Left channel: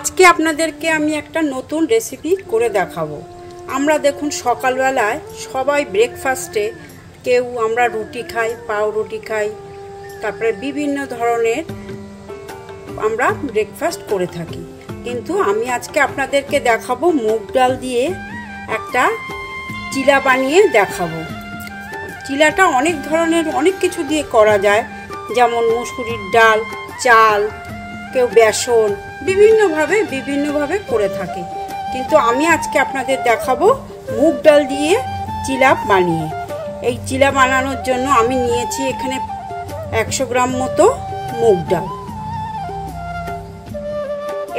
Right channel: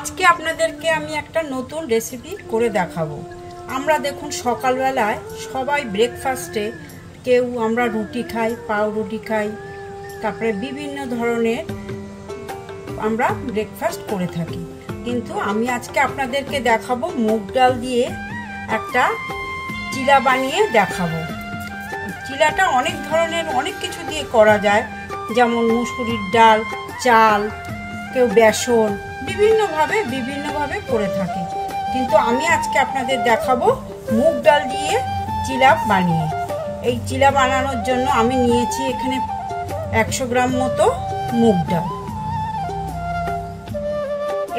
আজকে আপনাদেরকে আমি একটা নতুন রেসিপি করে দেখাবো। আমরা দেখুন সকালবেলায় সবাই ব্রেকফাস্টে কেউ আমরা রুটি খাই, পাউরুটি খাই, তারপরে বিভিন্ন ধরনের আমরা ব্রেকফাস্ট করে থাকি। কিন্তু আমি আজকে আপনাদেরকে দেখাবো মুগ ডাল দিয়ে একটা চিলা বানিয়ে দেখাবো। চিলাটা অনেক ধরনের অনেক কিছু দিয়ে করা যায়, যেমন মুসুরির ডাল, চাল, কেউ বেসন, বিভিন্নভাবে করে থাকে। কিন্তু আমি আজকে আপনাদের দেখাবো মুগ ডাল দিয়ে চিলা বানিয়ে। এই চিলা বানানোর জন্য আমি নিয়েছি এখানে 100 গ্রাম মতো মুগ ডাল।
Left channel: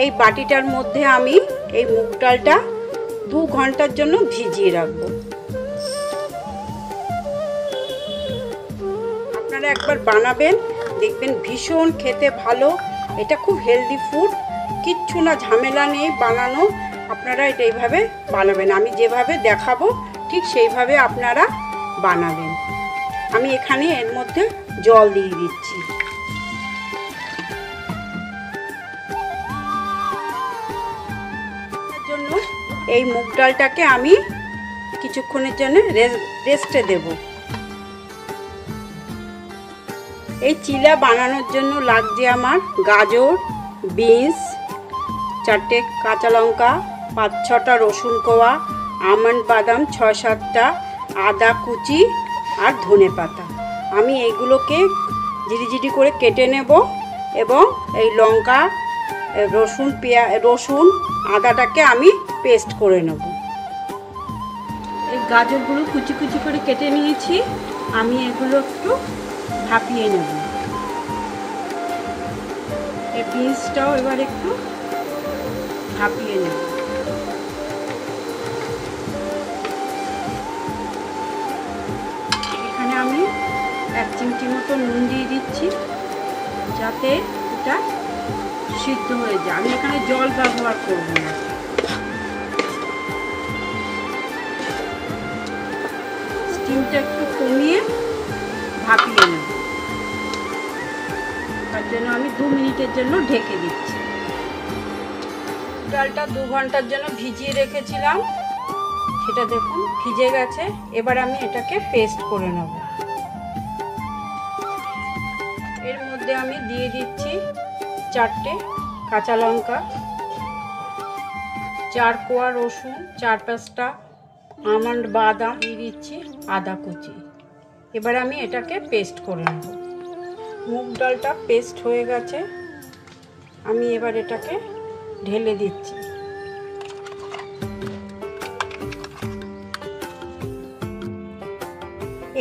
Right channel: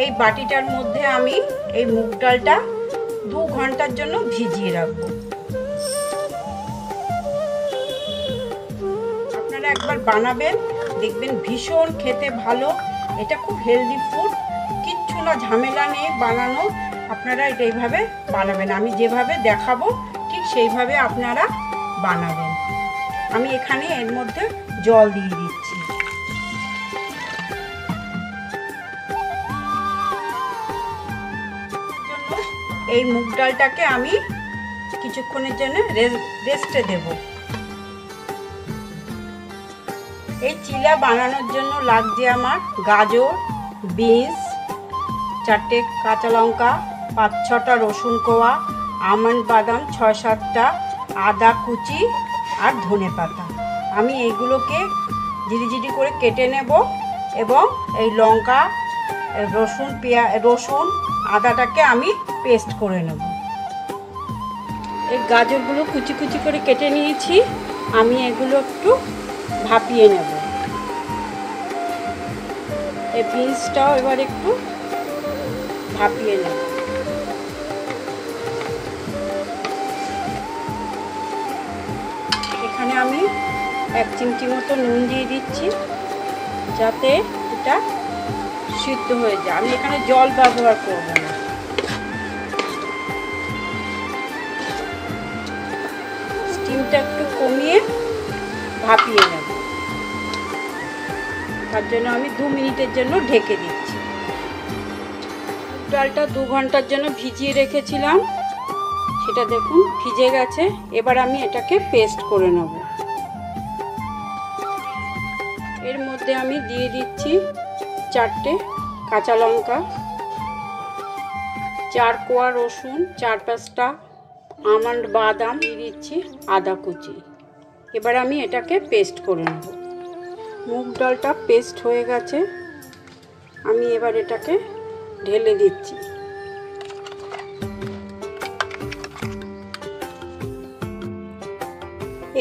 এই বাটিটার মধ্যে আমি এই মুগ ডালটা 2 ঘন্টার জন্য ভিজিয়ে রাখবো। আপনারা একবার বানাবেন, দেখবেন ভীষণ খেতে ভালো। এটা খুব হেলদি ফুড, কিচ্ছু না ঝামেলা নেই বানানো। আপনারা এটা এইভাবে বানাবেন, আমি যেভাবে দেখাবো ঠিক সেইভাবে আপনারা বানাবেন। আমি এখানে এর মধ্যে জল দিয়ে দিচ্ছি। এই মুগ ডালটাকে আমি কিছুক্ষণের জন্য রেস্টে দেব। এই চিলা বানানোর জন্য লাগছে আমার গাজর, বিনস, 4টে কাঁচা লঙ্কা, 5-6টা রসুন কোয়া, আমন্ড বাদাম 6-7টা, আদা কুচি আর ধনে পাতা। আমি এইগুলোকে জিরি করে কেটে নেব এবং এই লঙ্কা, রসুন আদাটাকে আমি পেস্ট করে নেব। এই গাজরগুলো কুচি করে কেটে নিয়েছি, আমি এগুলো একটু ভাপিয়ে নেব। এই বিনসটাও এবার একটু ভাপিয়ে নেব। এখানে আমি 1 চিমটি মতো নুন দিয়ে দিচ্ছি, যাতে এটা সিদ্ধ হয়ে যায়। আমি এখানে জল ব্যবহার করব না। স্টিমটা একটু কমিয়ে ভাপিয়ে নেব। তার জন্য আমি 2 মিনিটের জন্য ঢেকে দিচ্ছি। ডালটা 2 ঘন্টার জন্য ভিজিয়ে রেখেছিলাম, সেটা দেখুন ভিজে গেছে। এবার আমি এটাকে পেস্ট করে নেব। এর মধ্যে আমি দিয়ে দিচ্ছি 4টে কাঁচা লঙ্কা, 4 কোয়া রসুন, 4-5টা আমন্ড বাদাম, দিয়ে দিচ্ছি আদা কুচি। এবার আমি এটাকে পেস্ট করে নেব। মুগ ডালটা পেস্ট হয়ে গেছে, আমি এবার এটাকে ঢেলে দিচ্ছি।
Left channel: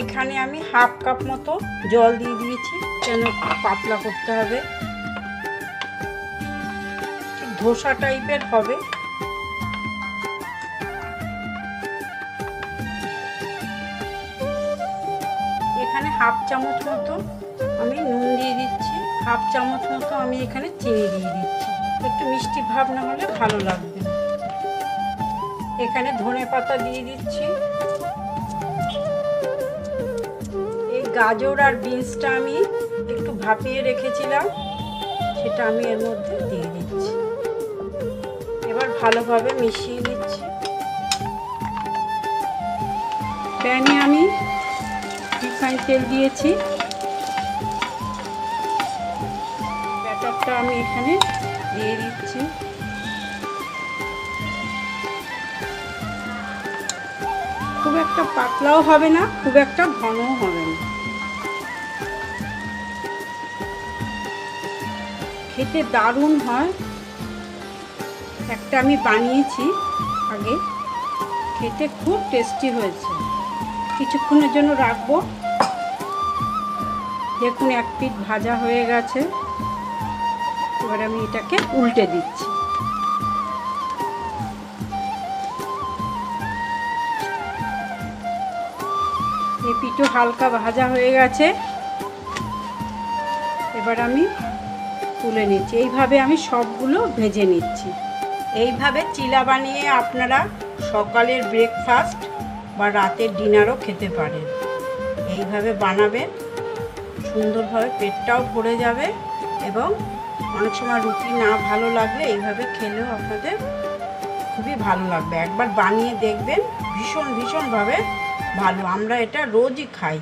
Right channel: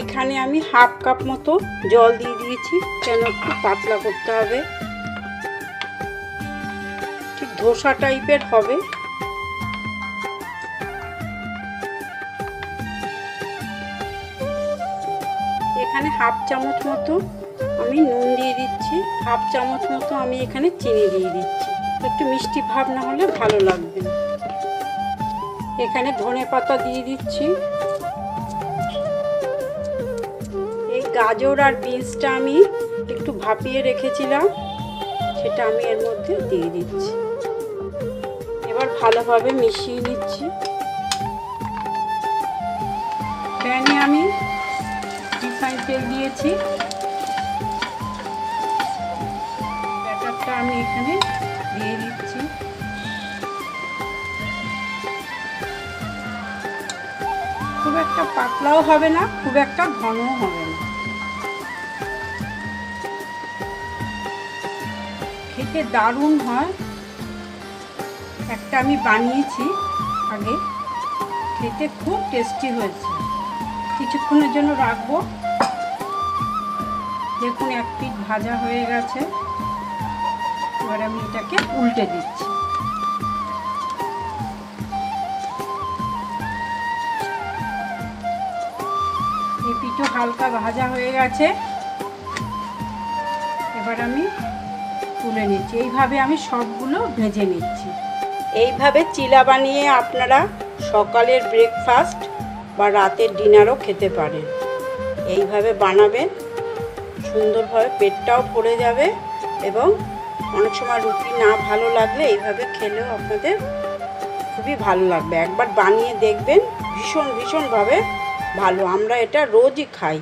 এখানে আমি 1/2 কাপ মতো জল দিয়ে দিয়েছি, কেন একটু পাতলা করতে হবে, ঠিক ধোসা টাইপের হবে। এখানে 1/2 চামচ মতো আমি নুন দিয়ে দিচ্ছি, 1/2 চামচ মতো আমি এখানে চিনি দিয়ে দিচ্ছি। একটু মিষ্টি ভাব না হলে ভালো লাগবে না। এখানে ধনে পাতা দিয়ে দিচ্ছি। এই গাজর আর বিনসটা আমি একটু ভাপিয়ে রেখেছিলাম, সেটা আমি এর মধ্যে দিয়ে দিচ্ছি। এবার ভালোভাবে মিশিয়ে দিচ্ছি। প্যানে আমি রিফাইন তেল দিয়েছি। ব্যাটারটা আমি এখানে দিয়ে দিচ্ছি। খুব একটা পাতলাও হবে না, খুব একটা ঘনও হবে না। খেতে দারুণ হয়। একটা আমি বানিয়েছি আগে, খেতে খুব টেস্টি হয়েছে। কিছুক্ষণের জন্য রাখবো। দেখুন 1 পিঠ ভাজা হয়ে গেছে। এবার আমি এটাকে উল্টে দিচ্ছি। এই পিঠও হালকা ভাজা হয়ে গেছে, এবার আমি তুলে নিচ্ছি। এইভাবে আমি সবগুলো ভেজে নিচ্ছি। এইভাবে চিলা বানিয়ে আপনারা সকালের ব্রেকফাস্ট বা রাতের ডিনারও খেতে পারেন। এইভাবে বানাবেন, সুন্দরভাবে পেটটাও ভরে যাবে এবং অনেক সময় রুটি না ভালো লাগলে এইভাবে খেলেও আপনাদের খুবই ভালো লাগবে। একবার বানিয়ে দেখবেন, ভীষণভাবে ভালো। আমরা এটা রোজই খাই।